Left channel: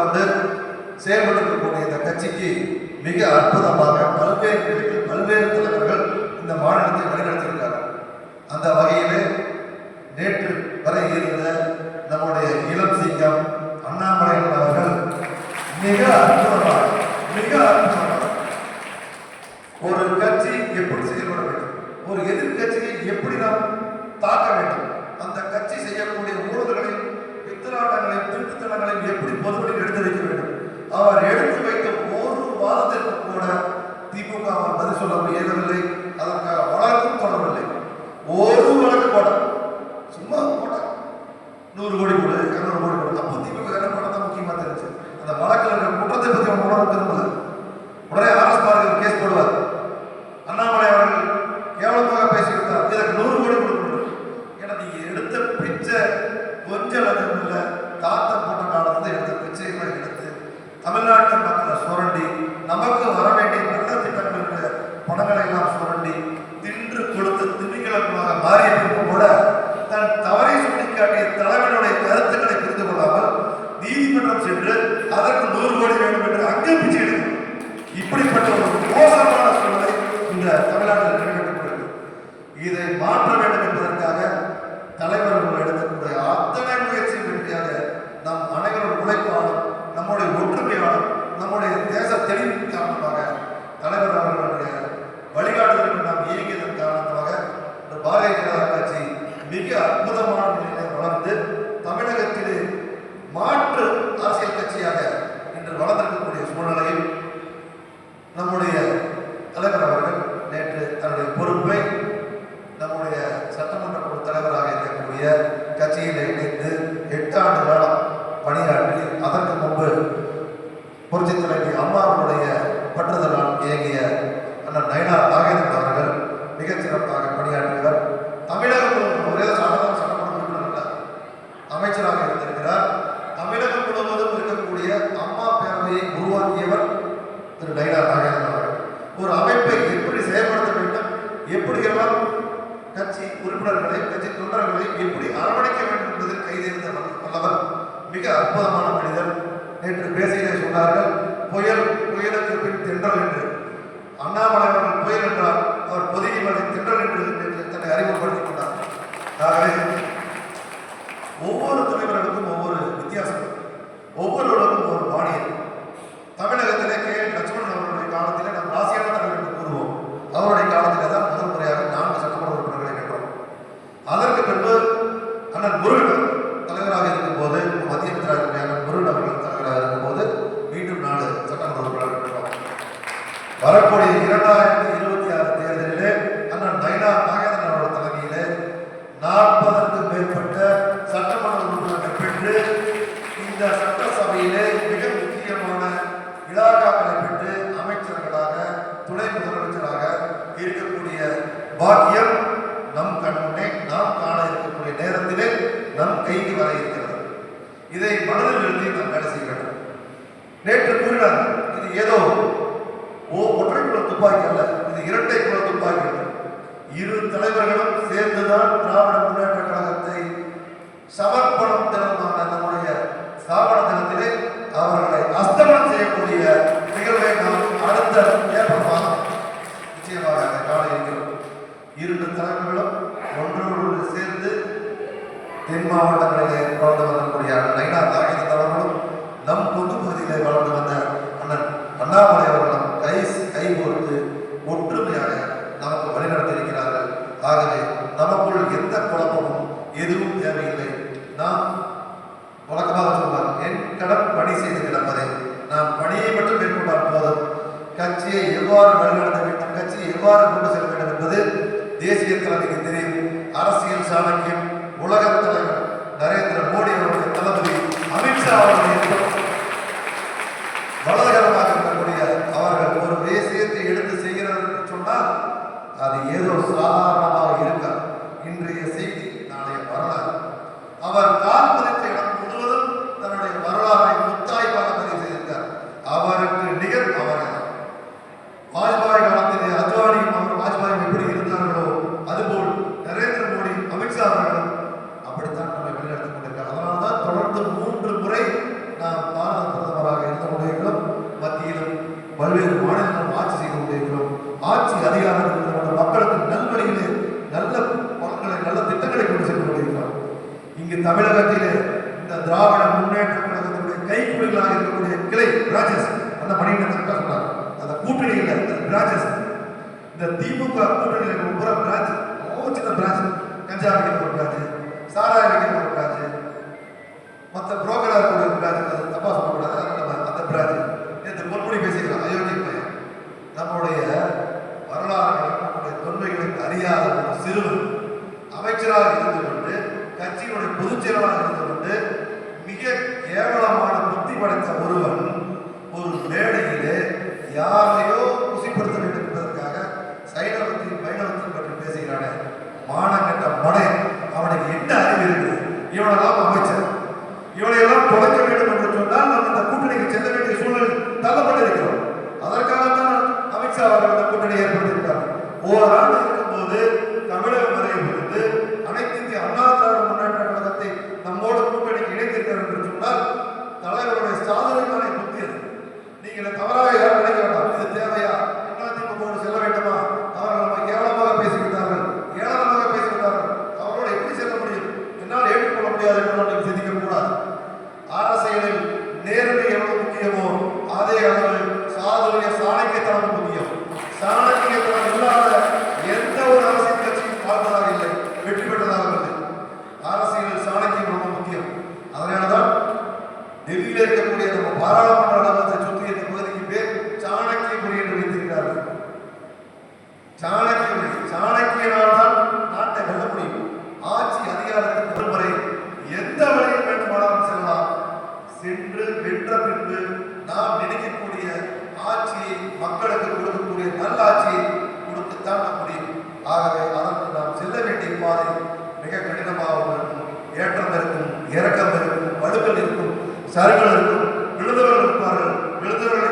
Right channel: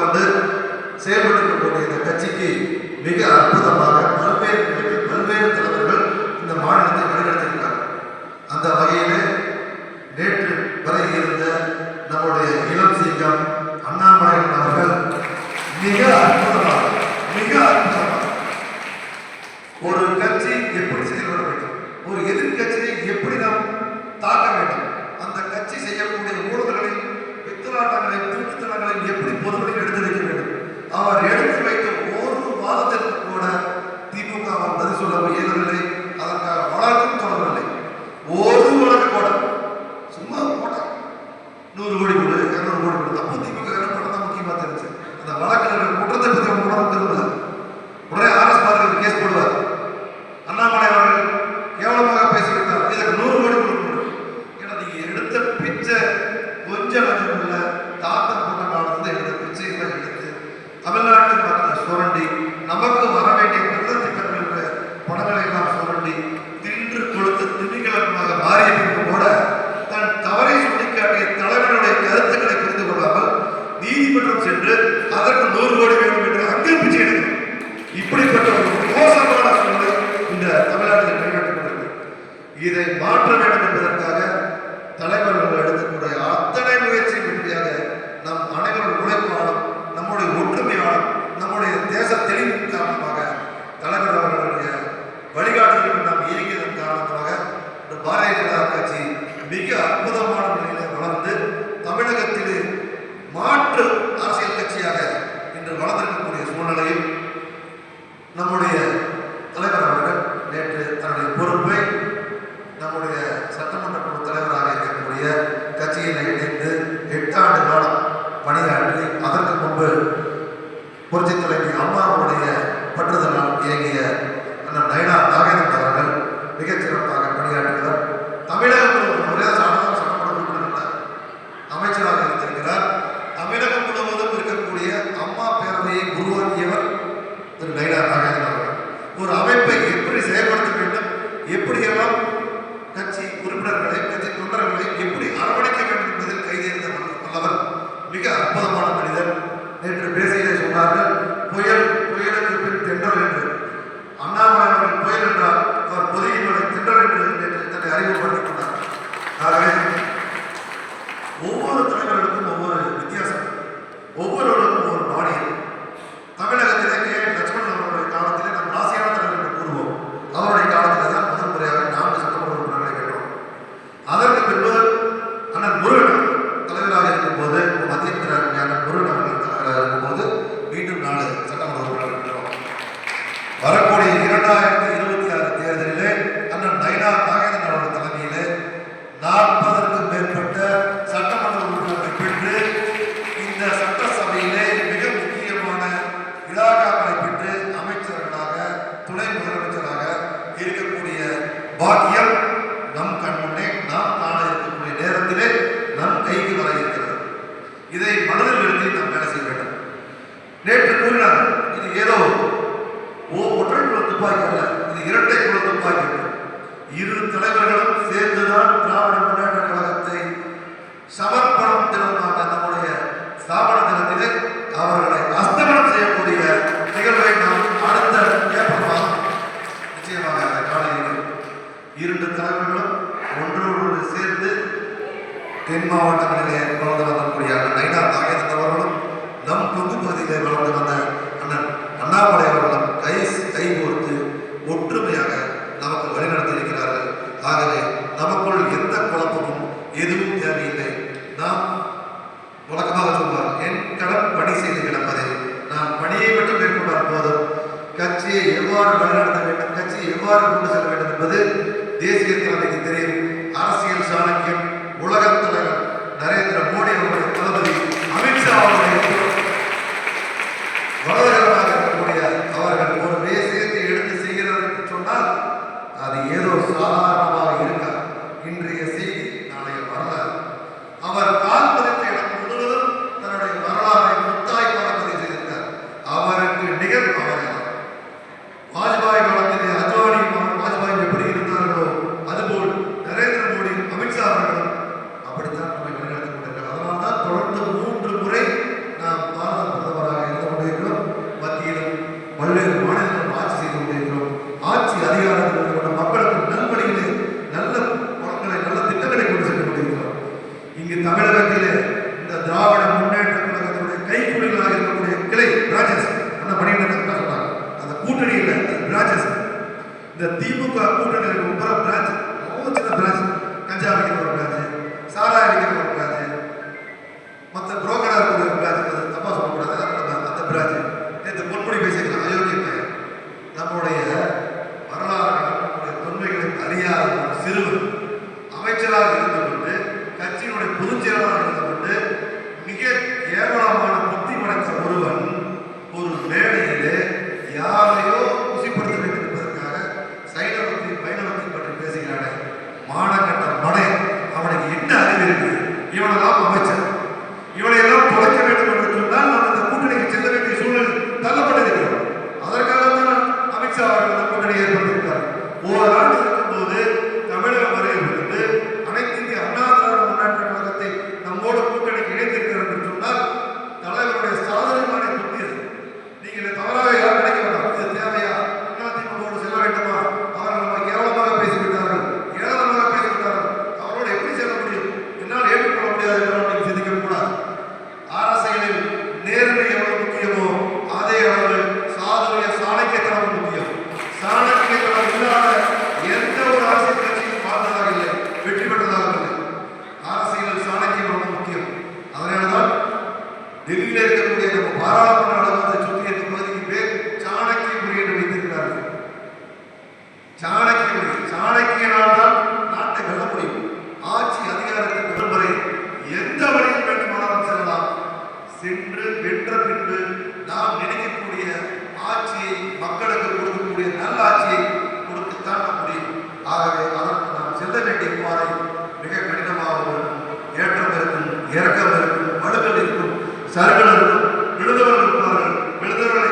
கொண்டு செயல்படுத்தக்கூடிய இந்த கட்சிக்கு மிக அற்புதமாக பல்வேறு தலைவர்கள் இந்த மாநிலத்தை வழிநடத்தியிருக்கிறார்கள். அந்த வகையில் நேற்று வரை இருந்த நம்முடைய இளம் சிங்கம் அண்ணாமலையார் அவர்கள் மிக அற்புதமாக ஒரு கட்சி எப்படி செயல்பட வேண்டும், ஒரு எதிர்கட்சியை எப்படி நாம் தாக்க வேண்டும், அந்த கட்சி செய்யக்கூடிய ஊழல்களையும் வித்துராட்டங்களையும் திருட்டுத்தனங்களையும் எப்படி பொதுவெளியில் எடுத்து வைக்க வேண்டும், அவர் எடுத்து வைத்த ஒரு வாதத்திற்கு கூட திமுக பதில் சொல்ல இயலவில்லை. அதற்காக வழக்கும் தொடரவில்லை. ஒரு வழக்கு போட சும்மா போட 100 கோடி கொடு 200 கோடி கொடு. அப்போ திமுக போட்டதான் முக்கியமாக தெரிஞ்சு அந்த வழக்கில் குற்றத்தை பற்றி அவங்க உணர்வு திரும்பல. உடனே ஆர்எஸ் பாரதி கேஸ் போடுவார். அண்ணாமலை அவர்கள் கேவலமாக பேசிவிட்டார், இதற்கு 100 கோடி கொடுக்கணும். ஏன்னா நீங்க எடுத்த பிச்சை கொஞ்சம் லட்சம் தாத்தம் போட்ட காலத்துல எடுத்த பிச்சைகளை எடுத்து தமிழ்நாட்டு மக்களை சுரண்டி நமக்கு வர வேண்டிய நல்ல திட்டங்களுக்கு பணங்களை எல்லாம் சுரண்டி தின்று கொடுத்து திமிங்கலமாக மாறியிருக்கும் கூட தன் தவறை சுட்டிக்காட்டிய தலைவனுடைய கருத்துக்களை புரிந்து கொள்ளாமல் நீதிமன்றம் சென்று அதற்கு 100 கோடி வேண்டும் என்று அங்கே பிச்சை எடுக்கும். இப்படிப்பட்ட ஒரு மோசமான சூழ்நிலை இந்த தமிழ்நாட்டில் மேம்படுத்தப்படுகிறது. இதை மாற்ற வேண்டும் என்பதற்காக தலைவர்கள் எடுக்கக்கூடிய அத்தனை முயற்சி வெற்றியாக நம் அனைவரும் உழைப்பாலும் நம்முடைய ஒற்றுமையாலும் நம்முடைய தேச தெளிவின் காரணமாக தலைவர் அவர்களுடைய வழிகாட்டுதலுக்கு நாம் இயங்கியதன் காரணமாக இந்த பாரதிய ஜனதா கட்சி மிக அற்புதமான நிலையில வளர்ந்து தமிழகத்திலே மாற்று அரசியல் கட்சியாக இன்று வளர்ந்திருக்கக்கூடிய சூழ்நிலையில் நம்முடைய தலைவர் அவர்கள் நேற்று தன்னுடைய பொறுப்பை நம்முடைய சட்டமன்ற குழு தலைவராக இருக்கக்கூடிய கட்சியில் இணைந்து 8 ஆண்டு காலம் பணியாற்றி அதற்கு முன்பு புரட்சி தலைவி அம்மாவுடைய பற்றுதலால் இயங்கிய நயினார் நாகேந்திரன் அவர்கள் மிகச்சிறப்பாக பணியாற்றுகிறார். தமிழகம் ஒரே சாதாரண சட்டமன்ற உறுப்பினர் அமைச்சராக இருந்திருக்கிறார். தமிழகம் முழுவதும் இருக்கக்கூடிய அம்மா பேரவையை உருவாக்கியவர் திரு நயினார் நாகேந்திரன் அவர்கள். ஒரு அமைப்பை எப்படி செயல்படுத்த வேண்டும், எப்படியெல்லாம் கட்சி உறுப்பினர்களை கட்சி தொண்டர்களை எப்படி அரவணைக்க வேண்டும் என்பதில் கைதேர்ந்த வல்லவர், மிக அற்புதமான மனிதர். நேற்று பேசியதை சொன்னார்கள், புயலுக்கு பின் தென்றல் என்று. அண்ணாமலை அவர்கள் புயல் என்றால் அவர் பொதுகின்ற தென்றல் என்று தன்னை அறிமுகப்படுத்திக் கொண்டார். ஆகவே ஒவ்வொரு தலைவர்களுக்கும் ஒவ்வொரு வித்தியாசம், ஒவ்வொருவருக்கும் ஒரு பாணியம். தமிழகத்திலே லட்சுமணன் அவர்களுடைய காலத்திலே நாம் ராசியான தலைவர் என்று கூறுவோம். அவருடைய காலத்தில் தான் முதல் முறையாக 4 சட்டமன்ற உறுப்பினர்களை கேட்டோம். அதற்கு பின்பு அண்ணன் முருகன் தலைவராக இருக்கும் போது, மத்திய அண்ணன் முருகன் அவர்கள் தலைவராக இருக்கும் போது மீண்டும் 4 சட்டமன்ற உறுப்பினர்கள் கேட்டோம். வரக்கூடிய 2026 தேர்தலிலே அண்ணன் நயினார் நாகேந்திரன் அவர்கள் தலைமையிலே 40க்கும் மேற்பட்ட சட்டமன்ற உறுப்பினர்களை பெற்று இந்த சட்டசபையிலே மிக முக்கியமான இலாக்காக்களை பெற்று அமைச்சர்களாக துணை முதலமைச்சராக இருக்கக்கூடிய பாக்கியம் நம் கண்முன்னே நாம் காண இருக்கக்கூடிய நேரத்திலே நம் கைக்கு வர இருக்கிறது. இதை மனதில் நிறுத்தி நாம் வேலை செய்ய வேண்டும். நேற்று கூறினார், இது ஏதோ ஒற்றை குல துப்பாக்கி அல்ல, இது இரட்டை குல துப்பாக்கி. இரு தலைவர்களும் சேர்ந்துதான் திராவிட முன்னேற்ற கழகத்தை சமர்ப்பணம் தினமான நம்முடைய ஸ்தாபன தினத்திலே அவர்களை அஸ்தமனம் செய்யக்கூடிய நிகழ்வை நாம் அடுத்த ஏப்ரல் மாதம் நிச்சயமாக அந்த காலையில் 2 தலைவர்களும் ஒன்றோடு சேர்ந்து தென் மாவட்டங்களிலே வளர்ந்து வந்தக்கூடிய நயினார் நாகேந்திரன் அவர்களும் நம் கொங்கு பகுதியிலே வளர்ந்து வந்த அண்ணன் அண்ணாமலை அவர்களும் கை கோர்த்து ஒற்றுமையாக நமக்கு வழிநடத்தியிருக்கிறார்கள். ஆகவே நமக்குள் எந்த குழப்பமும் எதுவும் தேவையில்லை. நாம் வழக்கமாக சொல்வார், என் கடன் பணி செய்து கிடப்பதை, நாம் பணியை மட்டும் மேற்கொண்டால் போதும். கட்சியை எவ்வாறு வழிநடத்த வேண்டும், கட்சியை எவ்வாறு கொண்டு செல்ல வேண்டும் என்பது தேசிய தலைமைக்கு தெரியும். அரசியல் சாணக்கியம் உலக தலைவர் நரேந்திர மோடி அவருடைய தளபதி அமித்ஷா அவர்களுடைய வலதுகரமாக இருக்கக்கூடிய அவர்கள் ஒரு விஷயத்தை எடுத்து செய்கிறார் என்று சொன்னால் அது ஏதோ சாதாரணமாக இருக்கார். இன்றைய செய்தி நாளைய வரலாறு. அவர் கால் பதித்த இடம் முழுவதும் தன்னுடைய வரலாறை முத்தாய்ப்பாக பதிவு செய்திருக்கார். அவருக்கு நிகழ் அவர்கள் வாஜ்பாய் காலத்திலே அத்வானி வாஜ்பாய் எப்படி இருந்தார்களோ அதுபோல் நரேந்திர மோடி அமித்ஷா அவர்களும் அப்படித்தான் நம்மை வழிநடத்திக் கொண்டிருக்கிறார். தமிழகத்திலே இந்த திராவிட முன்னேற்ற கழகத்தினுடைய கைக்குலிகளாக இருக்கக்கூடிய கிளை பிரான்சஸ் அந்த மணிகண்டன் சொன்னாங்க. அந்த கூட்டணி இல்லை, பிரான்சஸ். இந்த திமுக கூட்டணியில் ஒவ்வொரு பிரான்ச், ஒவ்வொரு சின்ன பிரான்ச், கஞ்சா வைக்கிற ஒரு பிரான்ச், சாராய வைக்கிற ஒரு பிரான்ச், மற்ற புரோக்கராக இருக்கிற ஒரு பிரான்ச், தப்பா சொல்லக்கூடாது, அந்த பிரான்ச். இந்த பொன்மொழி பேசிக்கலாம், அயோக்கிய பையன். நம்முடைய வரலாறு, நம்முடைய தொன்மைகளை அறியாத ஒரு சிறுவன் அமைச்சராக இருந்து கொண்டு, கட்சியினுடைய பொதுச் செயலாளராக இருந்து கொண்டு, மிக கேவலமான புத்தி படைத்த ஒருவன் ஒரு மேடையிலே யாரையோ குசிப்படுத்த வேண்டும் என்பதற்காக சைனவத்தை வைணவத்தை பற்றி பேசுகிறானே, மானக்கட்ட மடை. அவனுக்கு என்ன அறிவு இருக்கு? இவனெல்லாம் அமைச்சர், இவனையெல்லாம் தொலைக்க வேண்டும் என்று சொன்னால் நம்ம இந்த கூட்டணிக்கு செல்ல வேண்டிய சூழல் தள்ளப்பட்டிருக்கிறோம். அதற்காகத்தான் அமித்ஷா அவர்கள் இந்த கூட்டணி ஏற்படுத்தியிருக்கிறார். ஓராண்டு இருக்கும்போது தமிழகம் வருகிறது, அனைத்து இந்திய அண்ணா திராவிட முன்னேற்ற கழகத்தை நம்மோடு கூட்டணிக்கு இணைத்திருக்கிறது என்று சொன்னால் தலைவருடைய சாதனையான புத்தி அது. நீங்கள் தவறாக யாரும் நினைக்க வேண்டாம். இது தேவையா? அதிமுக செல்ல வேண்டுமா? அவர்கள் நம்ம கேவலமாக பேசிவிட்டார்கள், ஏளனமாக பேசிவிட்டார்கள், அவரோடு எப்படி செல்ல முடியும்? என்னால் ஏற்றுக்கொள்ள முடியாது என்று நீங்கள் சிந்திக்க கூடாது. அரசியலில் நேர்மை எவ்வளவு முக்கியமோ அதே அளவு சாதுரிய சாணக்கியத்தனம் முக்கியம். சாணக்கியத்தனம் இல்லாத எந்த ஒரு அரசியல் கட்சியும் வாழ்ந்ததாக இல்லை, வெற்றி பெற்றதாக இல்லை. அரசியலில் சாணக்கியம் ரொம்ப முக்கியம். அதனால்தான் டெல்லியில் இருக்கக்கூடிய நம்ம பாராளுமன்ற அலுவலகத்தை சுற்றி இருக்க பகுதிக்கு பேர் சாணக்கியபுரி என்று வைத்திருக்கிறார்கள். சாணக்கியபுரி, சாணக்கியனால் தான் நாட்டை வெல்ல முடியும். ஆட்சி அதிகாரத்துக்கு வரும் வரை எந்த வழியில் வேண்டுமானாலும் செல்லலாம். சென்று வென்ற பின்பு நாம் நினைக்கக்கூடிய ஆட்சியை, மக்களுக்கு கொடுக்கக்கூடிய நல்ல ஆட்சியை கொடுத்துத்தான் முடியும். ஆகவே அதற்கு நாம் செல்ல வேண்டிய பாதை மிக கடினமாக இருக்கும். ஏற்றம் இருக்கும், இறக்கம் இருக்கும், வடுகள் இருக்கும், சருகள் இருக்கும்,